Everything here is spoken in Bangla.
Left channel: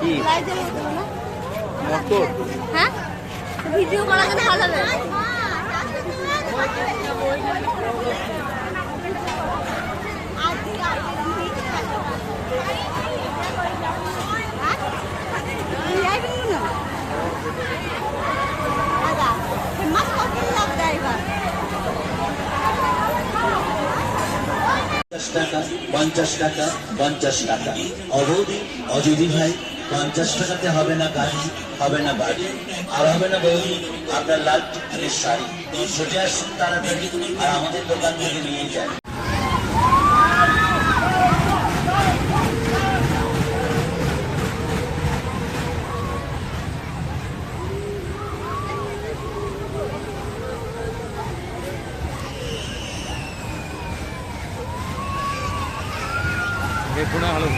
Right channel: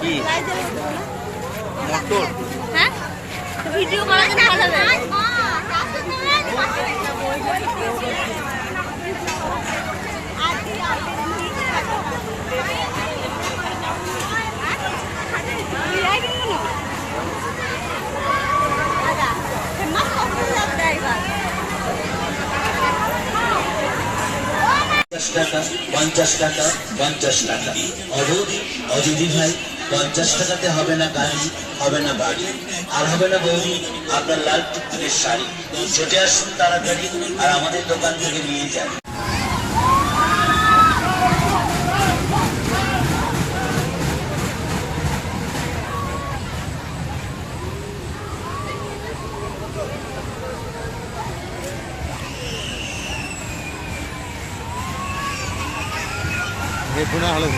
কি মোটর? হ্যাঁ ভিডিও করার জন্য ভালো লাগে। টাকা 50 টাকা 50 টাকা অবধি অজিদি ভাই 50 টাকাতে হবে না গাড়ি, হবে না বাড়ি, আর হবে না বৌদি আপনার লাল টুকটুকের শাড়ি। ছুটে আসুন তাড়াতাড়ি আর আমাদের দোকান থেকে নিয়ে যান। পুরো আলো